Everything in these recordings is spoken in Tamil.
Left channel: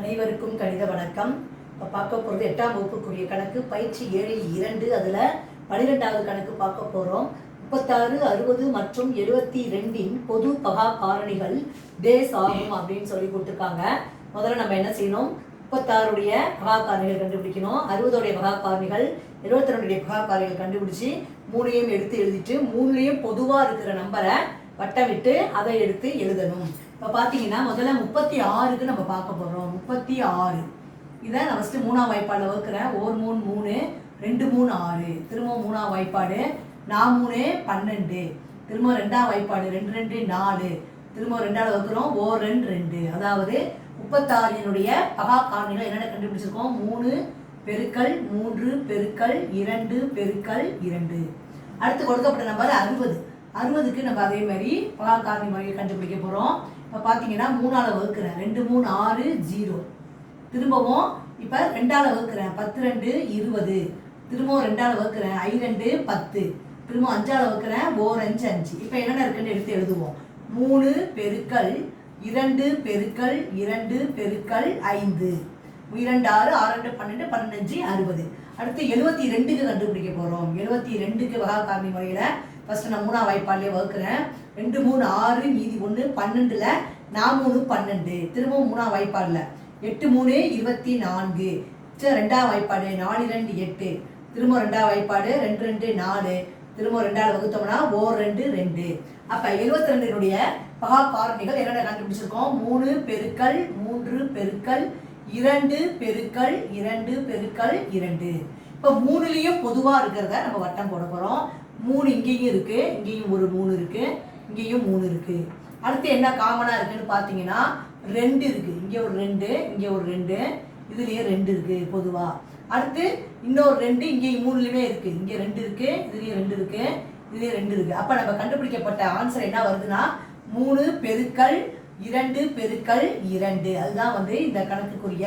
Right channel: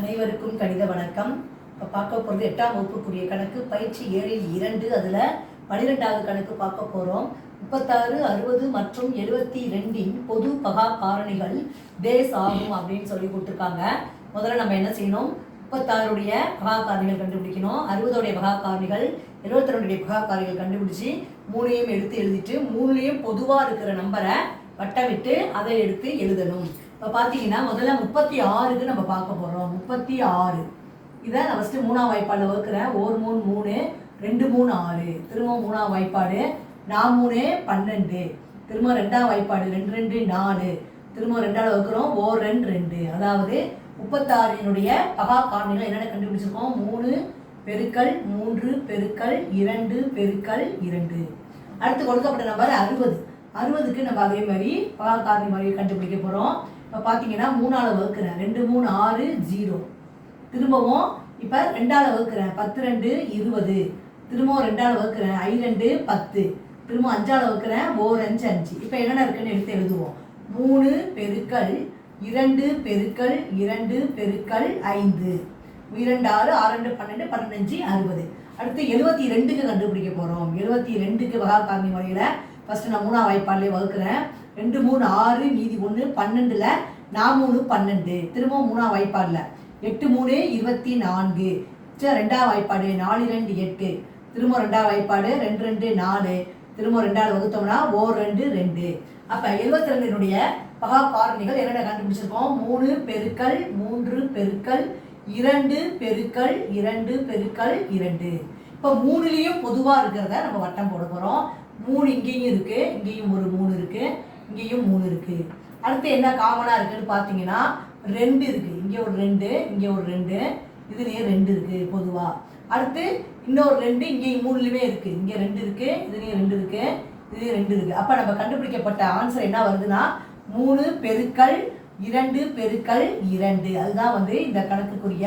அனைவருக்கும் கணித வணக்கம். இப்போ பார்க்க போகிறது 8ஆம் வகுப்புக்குரிய கணக்கு பயிற்சி 7ல் 2. அதில் 12வது கணக்கு பார்க்க போகிறோம். 36, 60 மற்றும் 72 பொது பகா காரணிகள் தேஸ் ஆகும் அப்படின்னு சொல்லி கொடுத்துருக்காங்க. முதல்ல நம்ம என்ன செய்யணும், 36உடைய பகா காரணிகள் கண்டுபிடிக்கணும், 60உடைய பகா காரணிகள், 72உடைய பகா காரணிகள் கண்டுபிடிச்சி 3ஐயும் எடுத்து எழுதிட்டு 3லையும் பொதுவாக இருக்கிற நம்பரை வட்டமிட்டு அதை எடுத்து எழுதணும். இப்போ பார்த்தீங்கன்னா முதல்ல 36க்கு நம்ம பார்க்க போகிறோம். 36 இதை நான் ஃபஸ்ட்டு 3ஆம் வாய்ப்பாடில் வகுக்கிறேன். 1 3 3 2 3 6, திரும்ப 3ஆம் வாய்ப்பாடு 4 3 12, திரும்ப 2ஆம் வாய்ப்பாடு 2 2 4, திரும்ப 2ஆல் வகுக்கிறோம் 1 2 2. அதாவது 36னுடைய பகா காரணிகள் என்னென்ன கண்டுபிடிச்சிருக்கோம், 3 பெருக்கல் 3 பெருக்கல் 2 பெருக்கல் 2. அடுத்து கொடுக்கப்பட்ட நம்பர் 60. 60க்கு நம்ம அதே மாதிரி பகா காரணி முறையை கண்டுபிடிக்க போகிறோம். இப்போ பார்த்தீங்கன்னா 3ஆல் வகுக்கிறேன். 2 3 6 0, திரும்பவும் இப்போ 2ஆல் வகுக்கிறேன். 10 2 20, திரும்பவும் 2ஆல் வகுக்கிறேன். 5 2 10, திரும்ப 5ஆல் வகுக்கிறேன். 1 5 5. இப்போ என்னென்ன இருக்குன்னு எடுத்து எழுதுவோம். 3 பெருக்கல் 2 பெருக்கல் 2 பெருக்கல் 5, 2 6 6 2 12 15 60. அடுத்து 72க்கு கண்டுபிடிக்க போகிறோம். 72க்கு பகா காரணி முறையில் ஃபஸ்ட்டு நான் 3ஆம் வாய்ப்பாடிலே வகுக்கிறேன். 2 3 6 மீதி 1 12ல் 4 3 12, திரும்பவும் 3ஆம் வாய்ப்பாடில் 8 3 24, 2ஆம் வாய்ப்பாடு 4 2 8, திரும்ப 2ஆம் வாய்ப்பாடு 2 2 4, திரும்ப 2ஆல் வகுத்தோம்னா 1 2 2. அப்போ 72னுடைய பகா காரணிகள் என்னென்ன கண்டுபிடிச்சிருக்கோம், 3 பெருக்கல் 3 பெருக்கல் 2 பெருக்கல் 2 பெருக்கல் 2. இப்போ 3லையும் பொதுவாக இருக்கிறத நம்ம வட்டம் போட போகிறோம். 3 இங்கேயும் இருக்குது, இங்கேயும் ஒரு 3 இருக்குது, இங்கேயும் 3 இருக்குது. அடுத்து என்ன காமனாக இருக்குதுன்னு பார்த்தீங்கன்னா 2 இருக்குது. இங்கே ஒரு 2, இங்கே ஒரு 2, இதுலேயும் 2 இருக்குது பொதுவாக. அடுத்து இன்னொரு 2 இங்கேயும் 3லையுமே இருக்குது. இங்கே 2 இருக்குது, இதுலேயும் 2 இருக்குது, இதுலேயும் 2 இருக்குது. அப்போ நம்ம கண்டுபிடிக்கப்பட்ட ஆன்சர் என்ன வருதுன்னா 3 பெருக்கல் 2 பெருக்கல் 2. அதுதான் வந்து இந்த கணக்குக்குரிய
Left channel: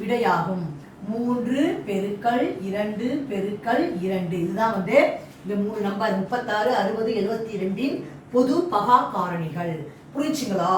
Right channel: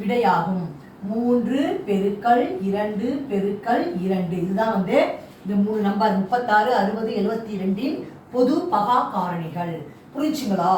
விடையாகும். 3 பெருக்கல் 2 பெருக்கல் 2. இதுதான் வந்து இந்த 3 நம்பர் 36 60 72 பொது பகா காரணிகள். புரிஞ்சுங்களா?